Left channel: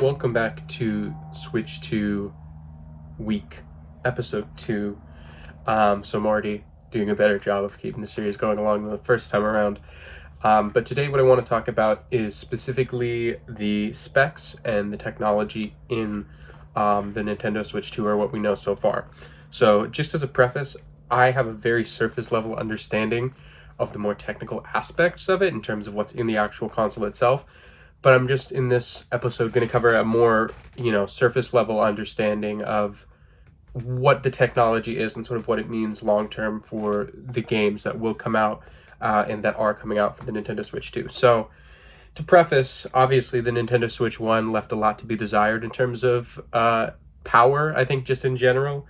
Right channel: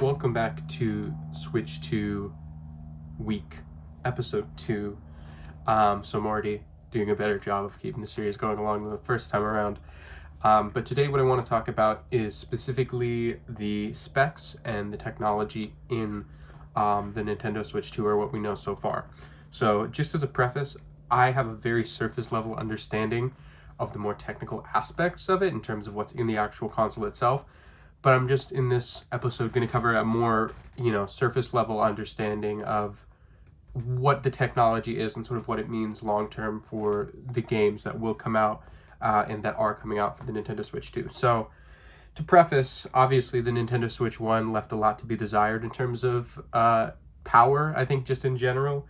welcome back to Switch 2 Week, Episode 2. So I'm already doing a better job of keeping the series going along than the first time around. But today what I want to talk about is specifically the specs and the technology in the Nintendo Switch 2, or what we know so far. So just as a preface, I have a very surface level understanding of the more technical aspects of it in terms of what's in the actual console itself. But I'm just in this episode going to cover a more, surface level understanding of what the technology is and sort of what it means long term for the games that will come out and that are coming out for the Nintendo Switch 2. So, to preface, obviously the Nintendo Switch 1 left a lot to be desired in terms of power, I think, just in general.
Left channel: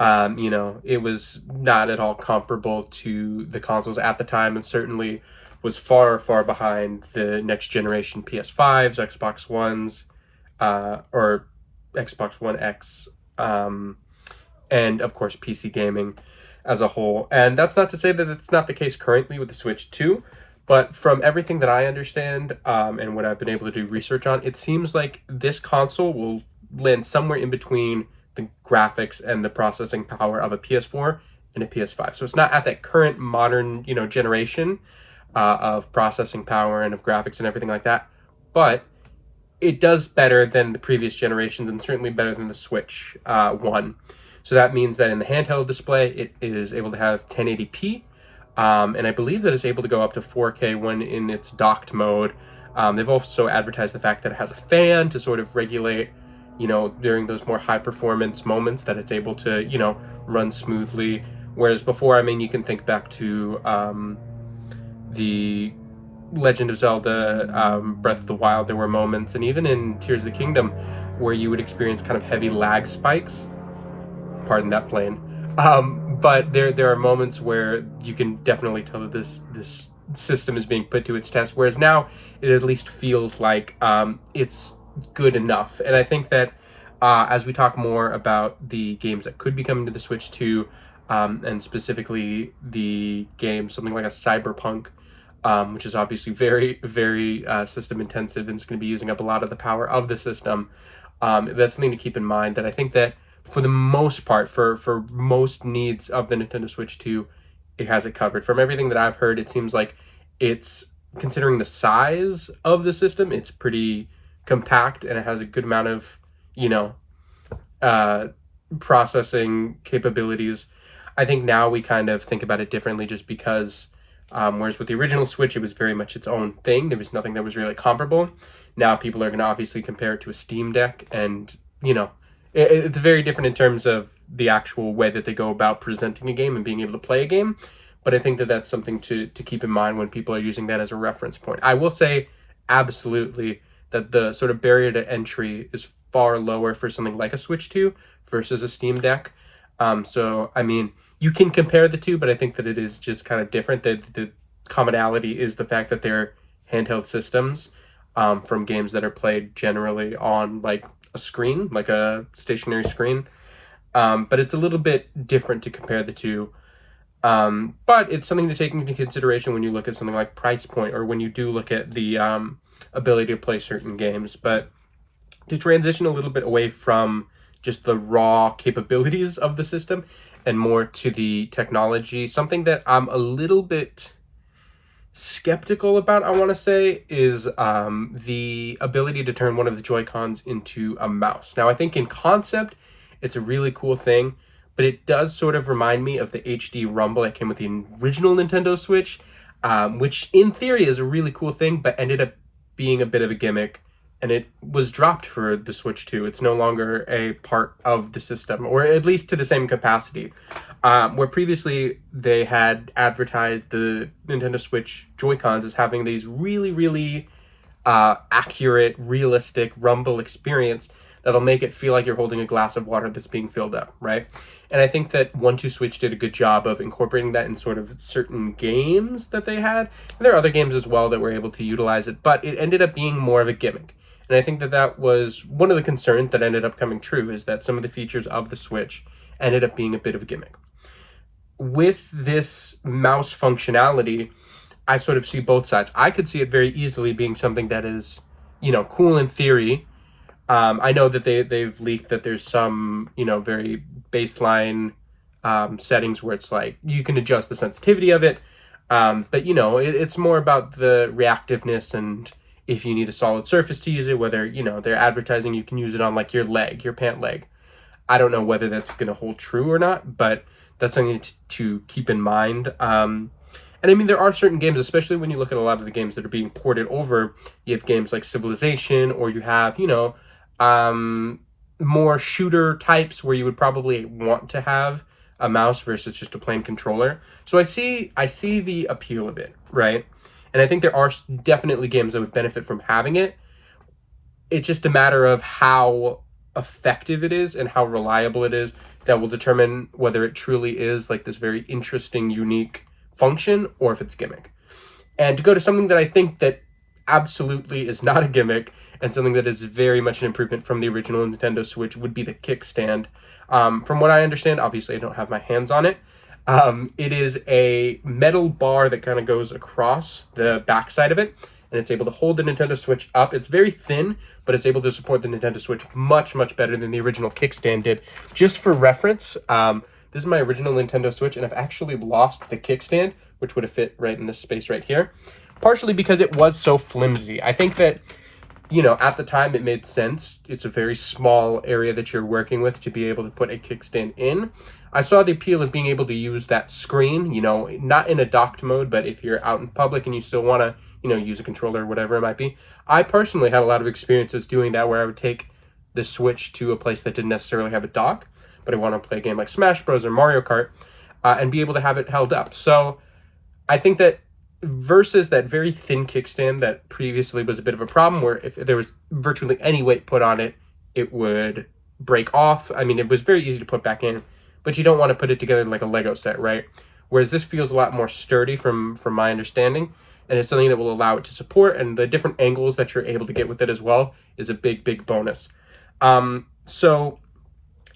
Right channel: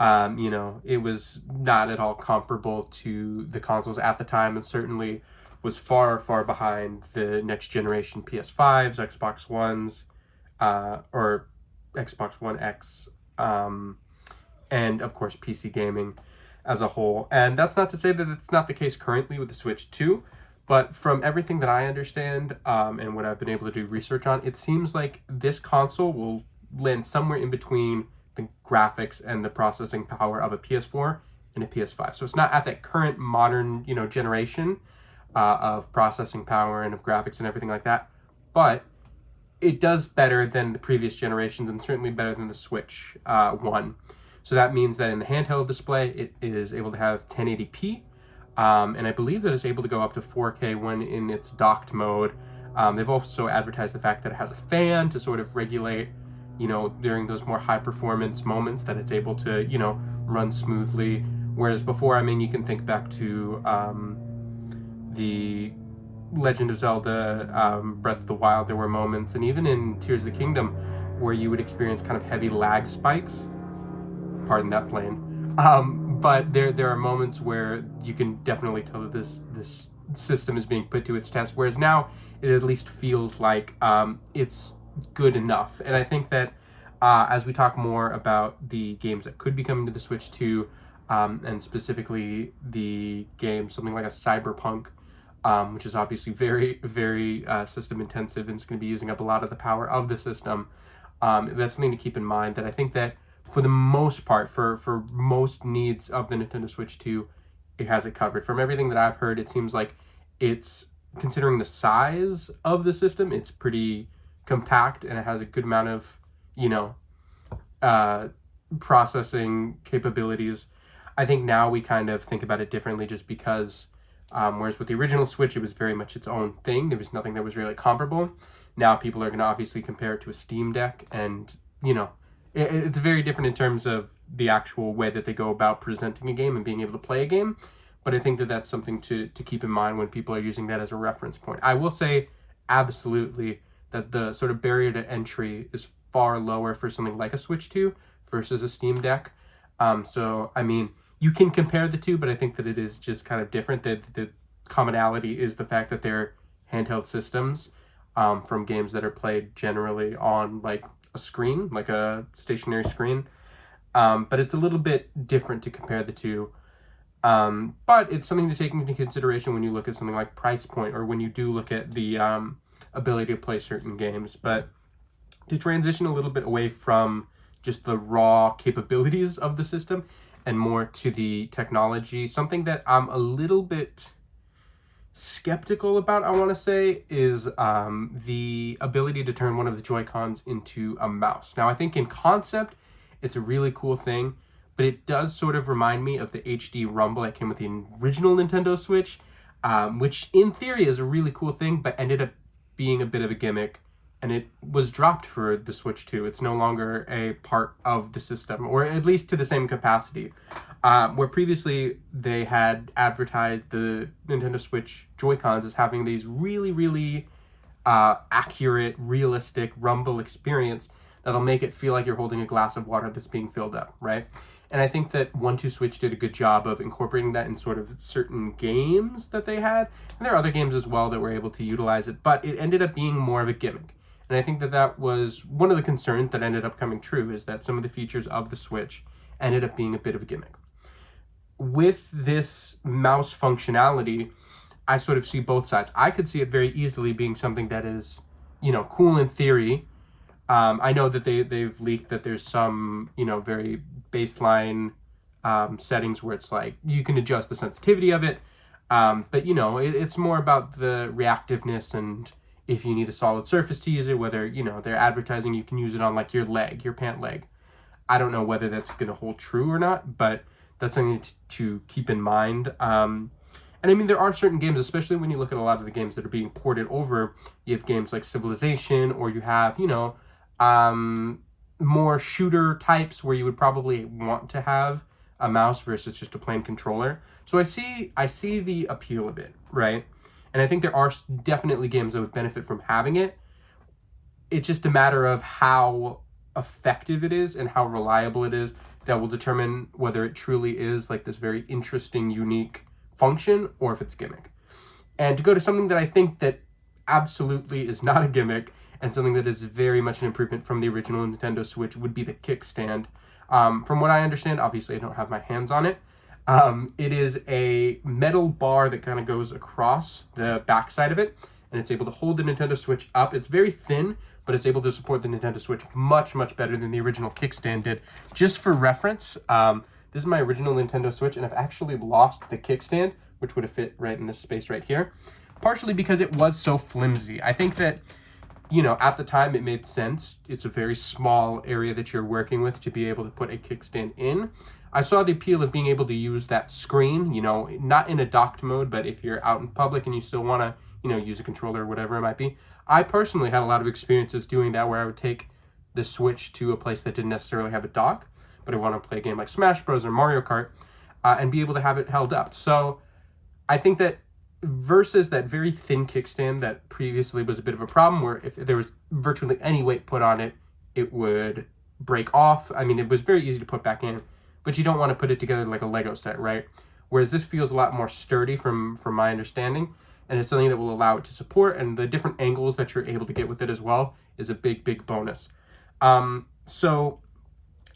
It was not at all comparable to the consoles at the time, and certainly was far, far behind the next generation PS5s, Xbox Ones, or Xbox One X, and of course PC gaming as a whole. And that's not to say that it's not the case currently with the Switch 2, but from everything that I understand and what I've been able to do research on, it seems like this console will land somewhere in between the graphics and the processing power of a PS4 and a PS5. So it's not at that current modern, generation of processing power and of graphics and everything like that, but it does better than the previous generations and certainly better than the Switch 1. So that means that in the handheld display, it is able to have 1080p, and I believe that it's able to go up to 4K when in its docked mode. They've also advertised the fact that it has a fan to sort of regulate, during those more high performance moments, that it's able to, run smoothly. Whereas before, you can think back to the Legend of Zelda Breath of the Wild. There were moments, and even in Tears of the Kingdom, where you would experience kind of heavy lag spikes. Pardon that plane. But there are moments where you can definitely tell that this system is being put to its test, whereas now it at least feels like it's good enough. And I think that as we talk more about the games that could be coming to the Switch 2, and specifically the game, something like a Cyberpunk, which is obviously very, very system intensive and is going to be using up a lot of the power of the system. That's something to keep in mind, that I think that for the most part, for most needs of the Nintendo Switch 2, it has it covered. From everything that I've heard, it seems like it's, considering the size of the system, it's pretty compact and it has a good amount of, processing capabilities. I think now we kind of think about it differently just because whereas with the original Switch, it was very much its own thing. There was nothing that was really comparable. Now people are going to obviously compare it to a Steam Deck, and, it's very different in terms of the actual way that they go about presenting a game and being able to play a game. But I think that that's something to keep in mind when people are using that as a reference point. I will say absolutely that the sort of barrier to entry is far lower for something like a Switch 2 versus a Steam Deck. You can compare the two, but I think that it is just kind of different. The commonality is the fact that they're handheld systems from games that are played generally on like a screen, like a stationary screen. But it's a little bit different to compare the two. But it's something to take into consideration when you look at something like price point, or when you do look at the ability to play certain games. But to transition a little bit away from just the raw capabilities of the system and more to the technology, something that I'm a little bit skeptical about, I want to say, is the ability to turn one of the Joy-Cons into a mouse. Now, I think in concept, it's a really cool thing, but it does sort of remind me of the HD Rumble that came with the original Nintendo Switch, which in theory is a really cool thing, but ended up being a bit of a gimmick, and it was dropped for the Switch 2. It's no longer a part of the system, or at least to the same capacity. Where previously they had advertised the Nintendo Switch Joy-Cons as having these really, really accurate, realistic Rumble experience that'll make it feel like you're holding a glass of water that's being filled up, right? And I think that 1-2 Switch did a good job of incorporating that in sort of certain games that they had. And there are other games as well that were able to utilize it, but it ended up being more of a gimmick. And I think that that was one of the concerns that ended up coming true, is that some of the features of the Switch ended up being a bit of a gimmick. With this mouse functionality, I sort of see both sides. I could see it very easily being something that is, cool in theory, I know that they've leaked that there's some, very baseline settings where it's like you can adjust the sensitivity of it. But it's more about the reactiveness, and if you need a solid surface to use it, whether, they're advertising you can use it on like your leg, your pant leg. I don't know whether that's going to hold true or not, but that's something to keep in mind. And I mean, there are certain games, especially when you look at a lot of the games that are being ported over. You have games like Civilization, or you have, more shooter types where you would probably want to have a mouse versus just a plain controller. So I see the appeal of it, right? And I think there are definitely games that would benefit from having it. It's just a matter of how effective it is and how reliable it is that will determine whether it truly is like this very interesting, unique function, or if it's gimmick. And to go to something that I think that absolutely is not a gimmick, and something that is very much an improvement from the original Nintendo Switch, would be the kickstand. From what I understand, obviously I don't have my hands on it. It is a metal bar that kind of goes across the backside of it, and it's able to hold the Nintendo Switch up. It's very thin, but it's able to support the Nintendo Switch much, much better than the original kickstand did. Just for reference, this is my original Nintendo Switch, and I've actually lost the kickstand, which would have fit right in this space right here, partially because it was so flimsy. I think that, at the time it made sense. It's a very small area that you're working with to be able to put a kickstand in. I saw the appeal of being able to use that screen, not in a docked mode, but if you're out in public and you still want to, use a controller or whatever it might be. I personally had a lot of experiences doing that, where I would take the Switch to a place that didn't necessarily have a dock, but I want to play a game like Smash Bros. Or Mario Kart, and be able to have it held up. So I think that versus that very thin kickstand that previously was a bit of a problem, where if there was virtually any weight put on it, it would break off. I mean, it was very easy to put back in, but you don't want to put it together like a Lego set, right? Whereas this feels a lot more sturdy from my understanding, and it's something that will allow it to support, and the different angles that you're able to get with it as well is a big, big bonus. So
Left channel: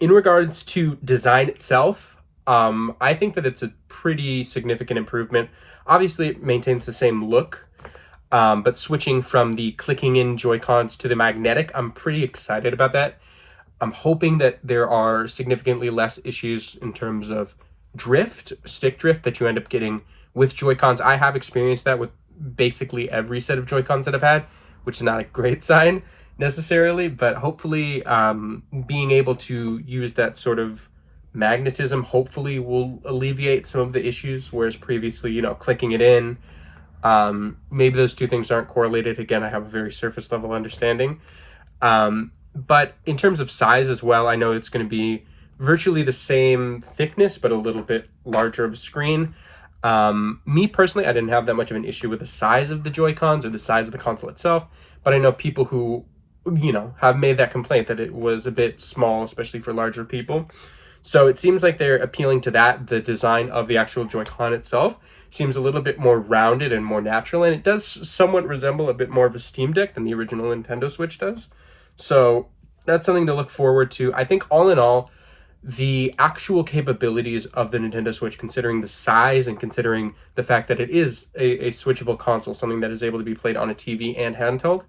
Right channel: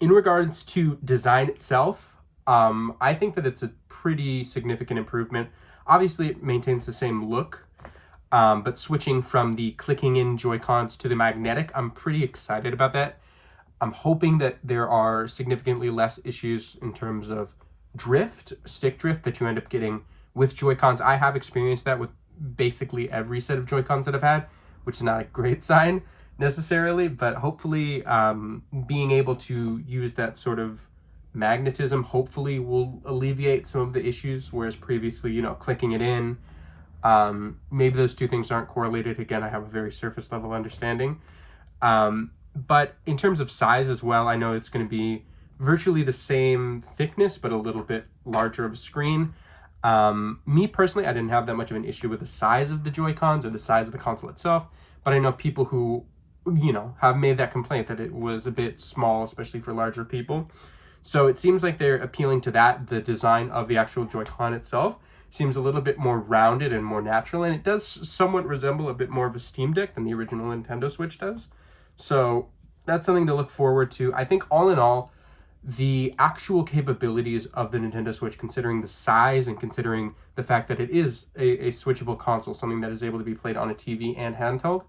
in regards to design itself, I think that it's a pretty significant improvement. Obviously, it maintains the same look, but switching from the clicking in Joy-Cons to the magnetic, I'm pretty excited about that. I'm hoping that there are significantly less issues in terms of stick drift, that you end up getting with Joy-Cons. I have experienced that with basically every set of Joy-Cons that I've had, which is not a great sign necessarily, but hopefully being able to use that sort of magnetism hopefully will alleviate some of the issues, whereas previously, clicking it in, maybe those two things aren't correlated. Again, I have a very surface level understanding. But in terms of size as well, I know it's going to be virtually the same thickness, but a little bit larger of a screen. Me personally, I didn't have that much of an issue with the size of the Joy-Cons or the size of the console itself, but I know people who, have made that complaint that it was a bit small, especially for larger people. So it seems like they're appealing to that. The design of the actual Joy-Con itself seems a little bit more rounded and more natural, and it does somewhat resemble a bit more of a Steam Deck than the original Nintendo Switch does. So that's something to look forward to. I think all in all, the actual capabilities of the Nintendo Switch, considering the size and considering the fact that it is a switchable console, something that is able to be played on a TV and handheld,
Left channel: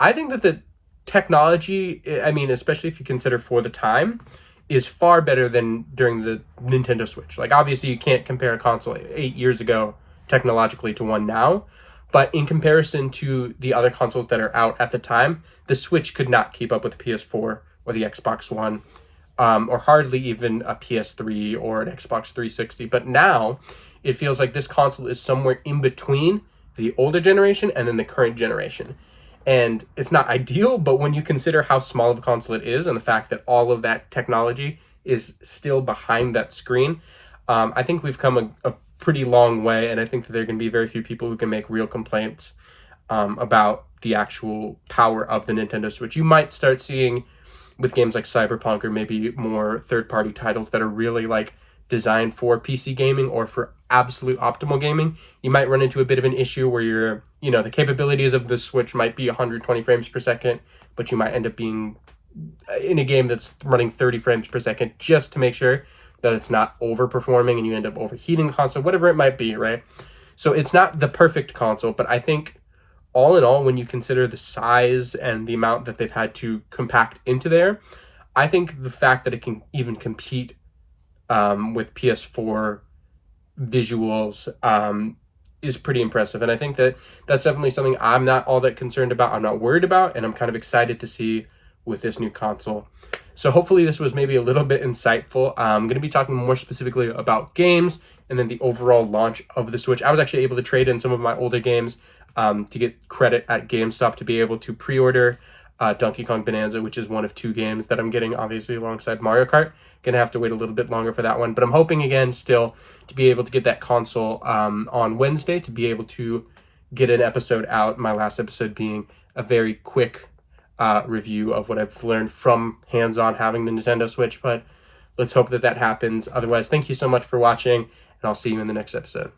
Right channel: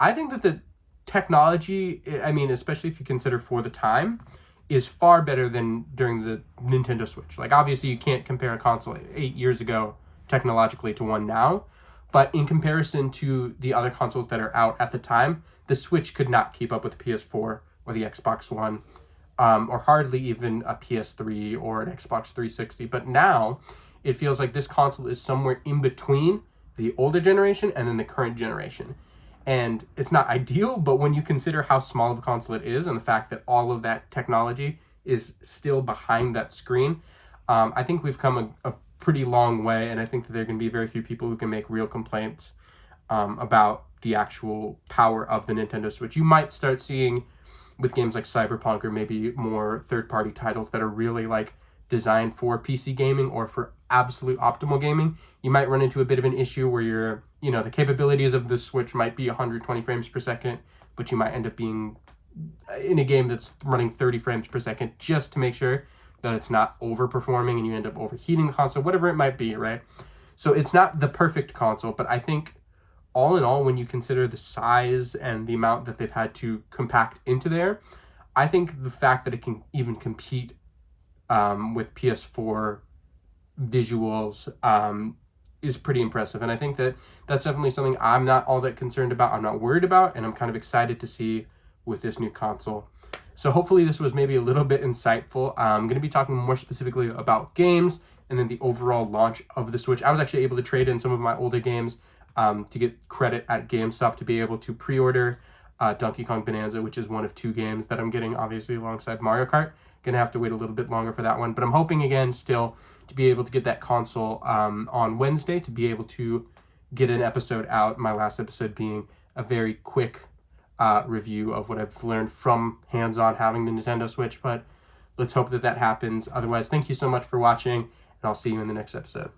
I think that the technology, I mean, especially if you consider for the time, is far better than during the Nintendo Switch. Like, obviously, you can't compare a console 8 years ago technologically to one now, but in comparison to the other consoles that are out at the time, the Switch could not keep up with the PS4 or the Xbox One, or hardly even a PS3 or an Xbox 360. But now, it feels like this console is somewhere in between the older generation and then the current generation. And it's not ideal, but when you consider how small of a console it is and the fact that all of that technology is still behind that screen, I think we've come a pretty long way, and I think that there are going to be very few people who can make real complaints about the actual power of the Nintendo Switch. You might start seeing with games like Cyberpunk or maybe more third-party titles that are really like designed for PC gaming or for absolute optimal gaming, you might run into a bit of an issue where you're, the capabilities of the Switch might be 120 frames per second, but you might end up being in a game that's running 30 frames per second just to make sure that it's not overperforming and you end up overheating the console, whatever it might be, right? So it's not the perfect console, but I think all in all, when you consider the size and the amount that they've had to compact into there, I think the fact that it can even compete with PS4 visuals is pretty impressive. And I think that that's definitely something I'm not all that concerned about. I'm not worried about, and I'm kind of excited to see with this new console. So hopefully this was maybe a little bit insightful. I'm going to be talking more specifically about games and then the overall launch of the Switch. I was actually able to trade in some of my older games to get credit at GameStop to be able to pre-order Donkey Kong Bonanza, which is one of 2 games that I'm getting, obviously, alongside Mario Kart. Gonna have to wait a little bit longer for that one, but I'm hoping again still to be able to get that console on Wednesday, to be able to get an episode out, my last episode being a very quick review of what I've learned from hands-on having the Nintendo Switch. But let's hope that that happens. Otherwise, thank you so much for watching, and I'll see you in the next episode.